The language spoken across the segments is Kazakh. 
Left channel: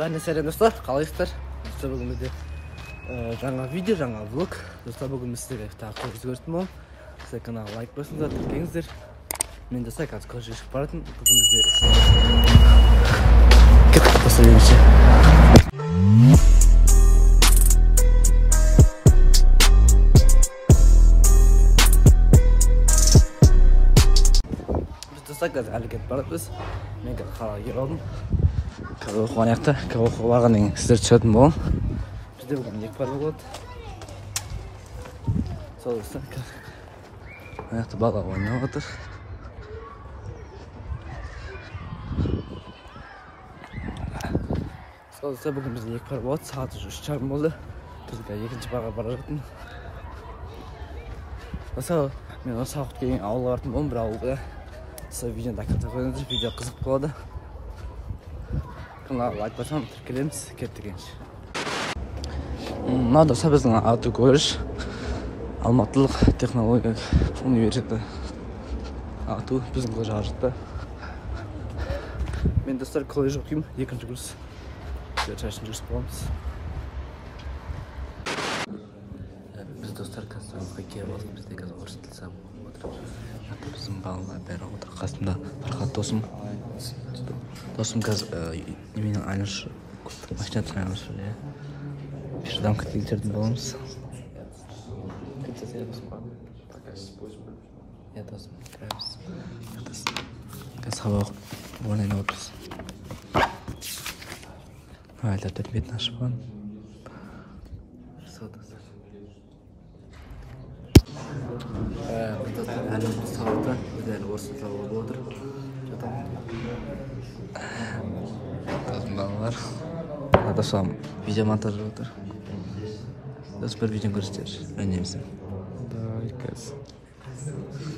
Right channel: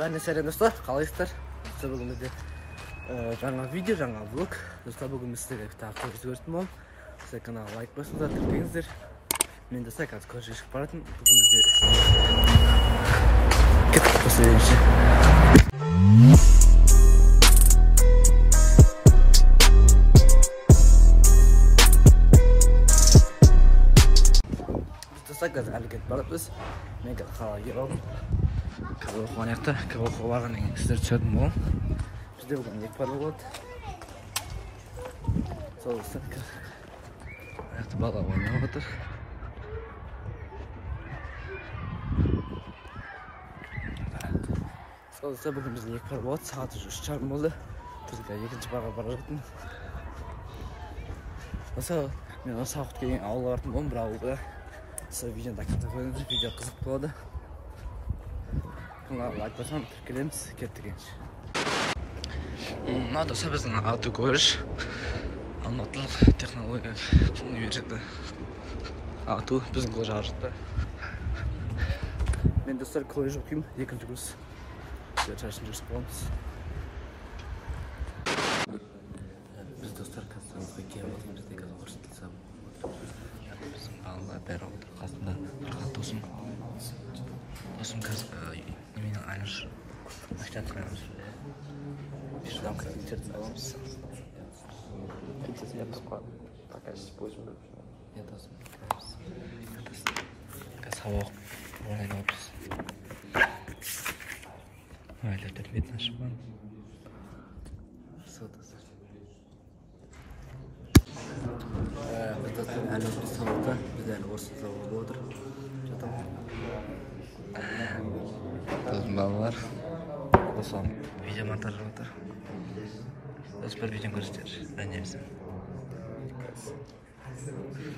Сәлем достар, қалайсыздар? Достар, бүгін бізде жаңа видео, жаңа влог. Достар, бүгін сіздерге тағы көрсететін боламын. Сіздер каналға лайк басыңыздар, тіркеліңіздер. Мен достар қазір көшеге шығып баратын. Бүгін бізде кеттік посылемізше. Біз достар қазір әлі кетіп баратырмыз. Мен қазір қалаға келіп алдым. Қазір оқыған аяқта, оқуға барған деген сіздер түсетін болам. Бізде бүгін екі барлық болады. Сол достар, аяқта бала ойнап отыр. Сол достар, бүгін бізде екі бар болады. Сағаты 3:30 болды. Бізде екінші барға бара жатырмын. Достар, мен осы уақыт келген ауылға бардым болдым, бір ауылда. Сол видеоны тақырыпта қойыңыздар, видео қызық болады. Каналға лайк басам, тіркелеміз, кеттік енші. Мынау достар біздің АТУ колледж, Алматылық технология университеті. АТУ біздің колледж аржықта. Мен достар колледж оқимын, екінші курс. Шашын жүріс боламыз. Біз достар қазір сабаққа келіп алсын, бізде қазір орыс тілі сабақ болып отыр. Біздің балалар бәрі отыр, қасымда арқат досым. Досым қазір неменің айналышы, машинатын айналышы. Bir adam getirdim babamız. Ya dostum, sabah oynayın oluruz. Aylar terbiyetten aşıpan. Sodası. Biz dostum halimiz sabahta güzel orası sabah olur. Çatal. Dostum balalar. Adasam video montajı olur. Süper video gösteririz. Önemlisi.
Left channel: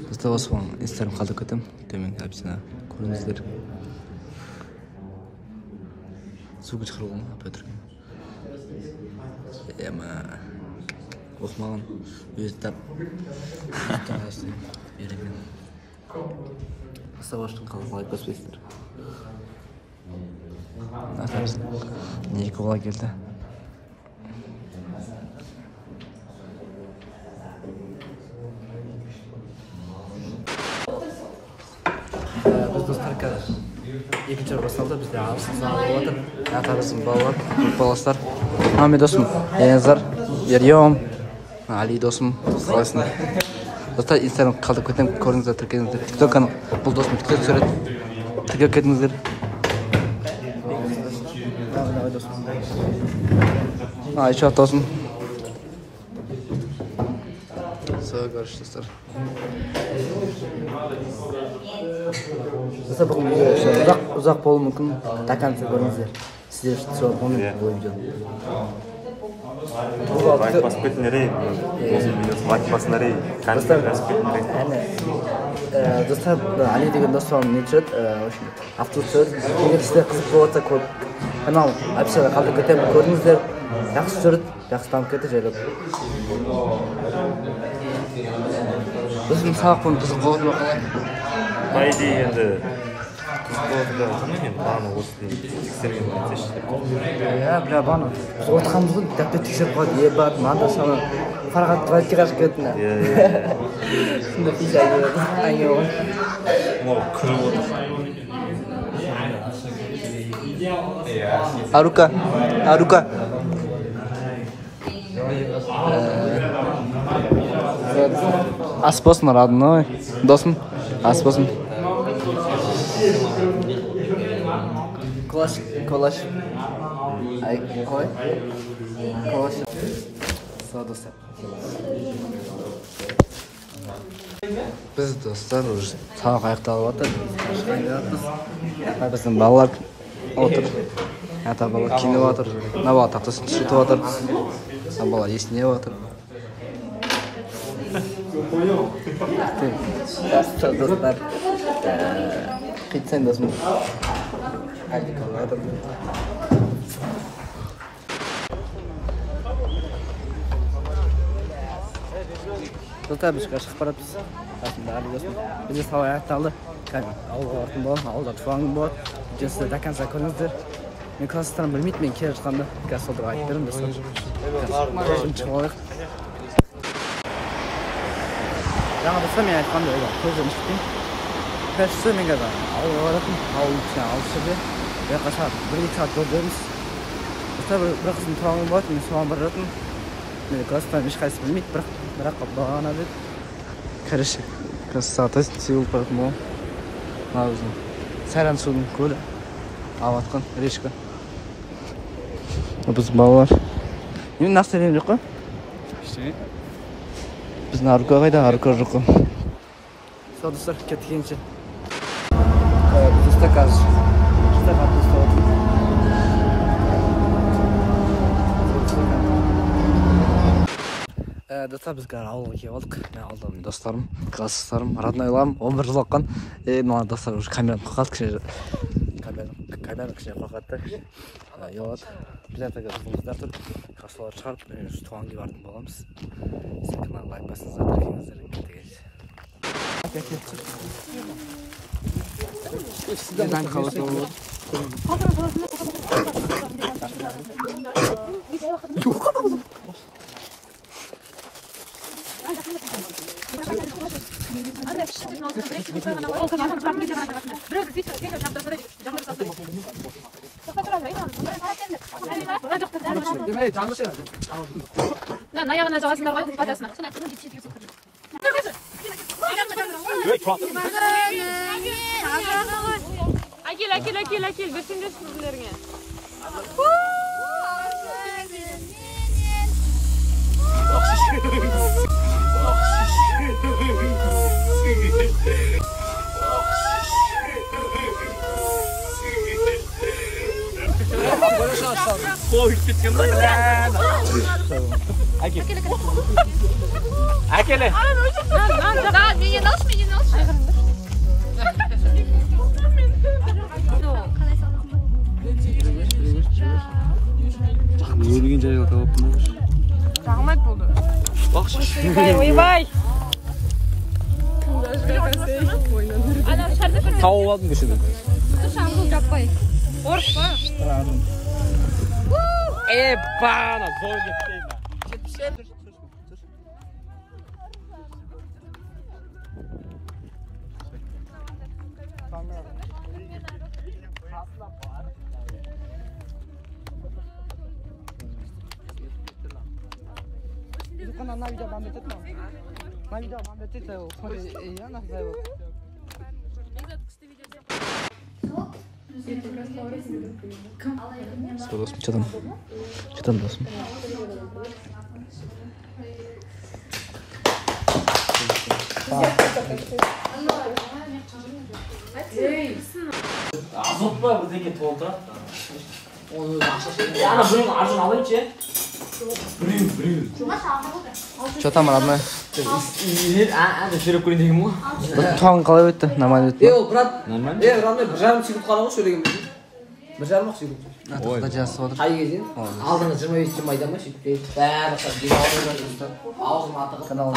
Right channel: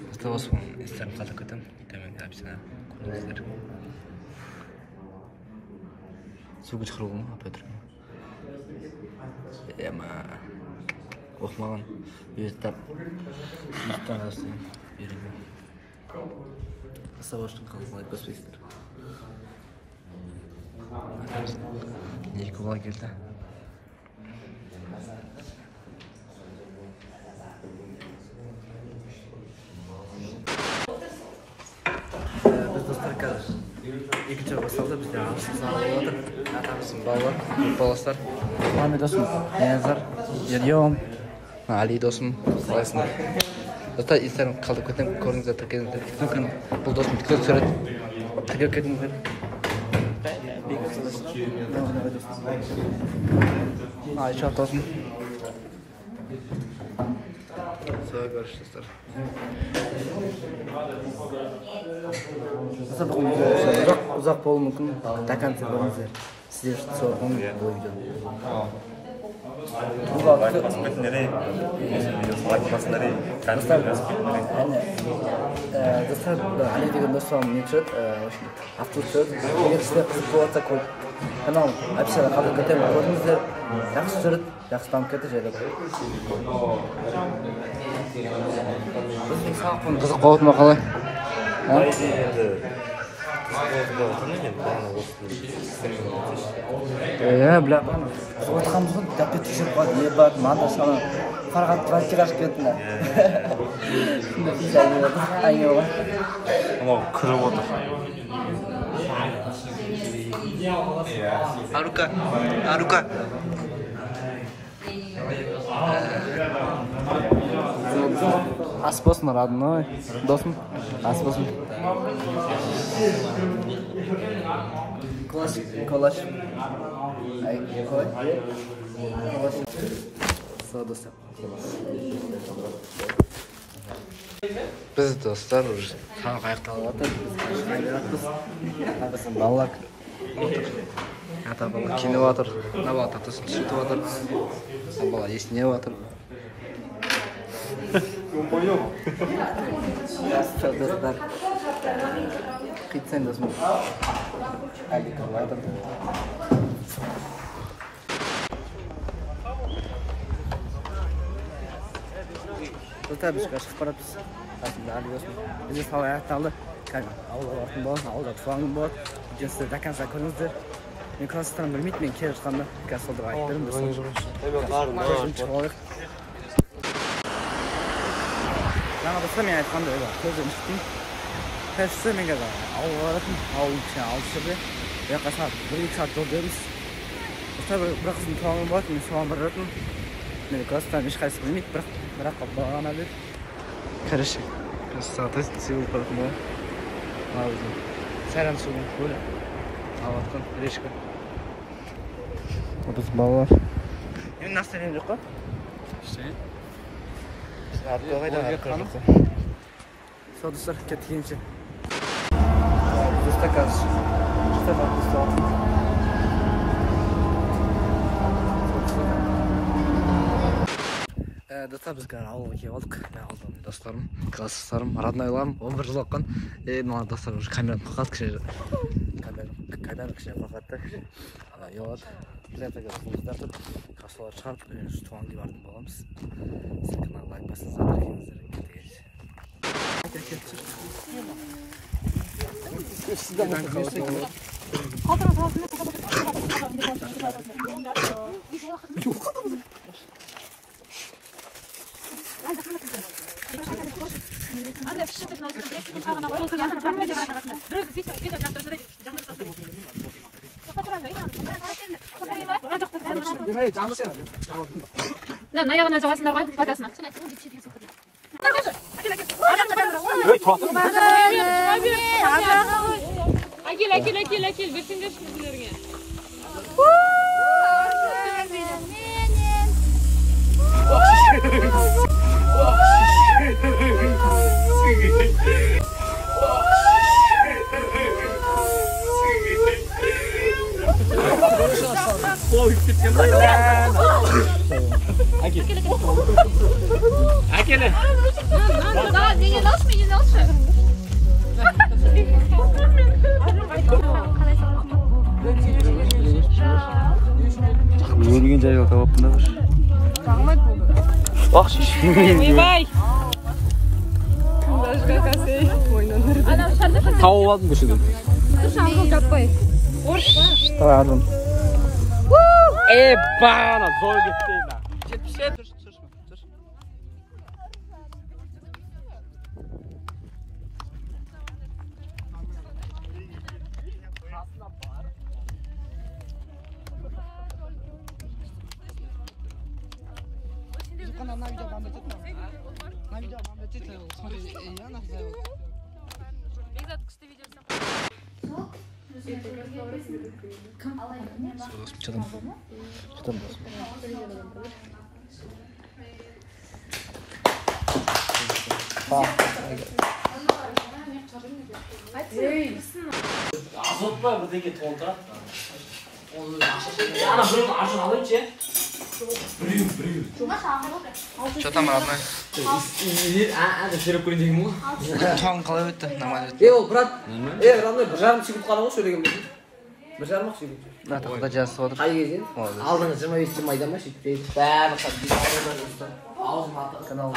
Dostlar Osman isterim kaldık ötem. Demin hepsine koyuyoruzlar. Suğu çıkaralım mı? Apetrim. Ama okumadan yüzden arasında verilmiyor. Dostlar baştan kaldık like basıyorlar. Nasıl neye kolay geldi? Biz dostlar қазір екінші басталды, бізде ағылшын сабағы болып жатыр. Атарысым балалар, баластар. Мен досым Ензар, Ерьем, Али досым, қалайсың? Достар, инстаграм қалдып кетемін, көріңіздер, тіркеліңіздер. Тикток канал, бұл досым тикток түсіреді. Тіркеліп кетіңіздер. Давай досым. Еще досым. Все, görüşürüz dostlar. Dostlar bugün video uzak болуы мүмкін. Тақансы көріңіздер. Сіздер сол оны бұл видео. Лайк басып кетіңдер. Лайк басыңдар. Достар, Али деген достарым не түсіреді, автобус түсіреді. Егер сіздер қызық болса көп канал описияда қалдырып кетемін, көріңіздер. Жақсы түсіреді, жақсы дамып кетті жайлап. Біздің сабақпен қызық болады ма қалай?Айды енді қызық болады да айтамын мен бағана осы тексерген айтсайшы. Бля, бағана біз отқанбыз ғой, дәптер тексеріп қалады, ебат, манда саны Фарғат Твайтке қашып кеттіңдер. Сонда фиш әңгіме болған. Мынау күріп отыр. Арука. Ас болсын родной, досым, ас болсын. Колаш. Ай, қой. Колаш. Сол достар. Біз достар сабақ аяқталып отыр. Біздің балалар отыр. Ата бала киніп отыр. Мына бала тақтасын түсіріп отыр. Мына бала есінеп отыр. Достар, қитсен досым. Әлді кіріп отыр. Dostlar biz шығып баратырмыз. Қасымда Али досым. Бізде сабақ аяқталды. Ауылға бардым болған, ауылда туған күн болады. Видеосы до конца көріңіздер. Men klassdan bilmeydim, men kere çıkanda gasolda aytып бердім достар. Көзім шығып алайық. Жаңа достар мен айтқандай көзім шықтым. Першісі мен қазір ауылға баратын, ауыл кішкене алыс жерде. Жаққа сағат 1-2 сағат жол жүрміз. Достар бір қыздың туған болатын, мен соған баратын. Мен класстан ешқайсысы білмейді, бірақ бағана деді. Короче, сағат сеуіліп баратын болам. Мына өзінің Сайран судың көлі. Алып атқан речка. Біз балалар. Мен нақты берем жоқ қой? Ештеңе. Біздің Арука қайда? Арука жоқ қой. Сол достар, кеткенше. Достар қазір. Шыта қатты ұстап атырмын. Достар біз қазір ауылға келіп алдық. Ауылдан достарым, класстастарым, роднойларым 11 жыл оққан. Мына достар уже камераны қоқады кішкене. Камераны кішкене қоқады. Елады. Билетаға қызымыздар тұр. Қасылар шығарып, туған келіп артын боламыз. Сен канал лайк басыңыздар, тіркеңіздер. Сізден қаласы болады. наявно жабасыңдар ғой қайтасың. Әкел, берсеңдер сіздерге. Әкеле. Да, меня наш. Өлген жайға табаппын да бір. Рахмет болды. Ойбай. Тауып алдым көшеден. Шаңқыл таппай. Орыс па? Тағадым. Бана, зор кетті. На видео вам будет это. На видео вам будет это. Смотри, я на зайву. Что досым? Что там досым? Azot var buradaki tolda. Yani bunu arjun alınca. Brüyüm. Что там, родной? Şerep koyun diyeyim mi? Туған қалай өтті? Нормально өтті. Ол брат. Нормально. Родной, бір жарым секунд қалды ғой сөйлеген бізге. Бір жарым-ақ секунд. Тақта жазып отыр. Қай кезден? Алдыңғы 25 тым айда ма сөйтіп бәрі аузыма атығып. Канал.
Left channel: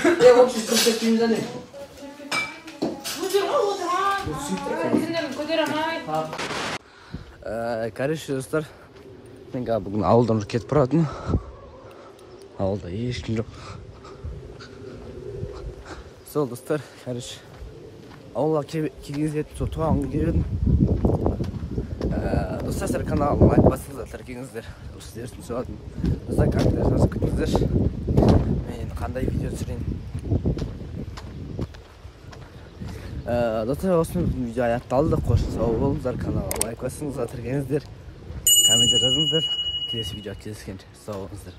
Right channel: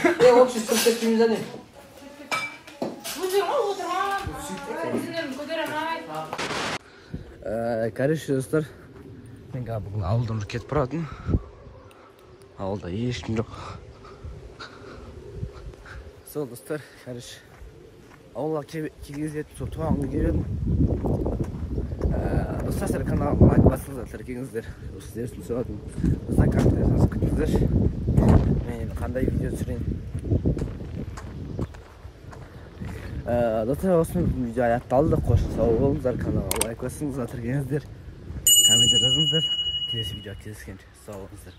В общем, көрсетпейміз әлем. Короче, достар, мен бүгін ауылдан кетіп баратын. Ауылда ешкім жоқ. Сол достар, короче, ауылға келгенізде туған келдім. Достар, каналыма лайк басыңыздар, тіркеңіздер. Сіздерсін сөйледім. Достар, комментарий жазып күтіңіздер. Мен қандай видео түсірейін. Достар, осымен видео аяқталды. Қош сау болыңыздар, каналыма лайк басыңыздар, тіркеңіздер. Комментарий жазыңыздар. Келесі видео кездескенше сау болыңыздар.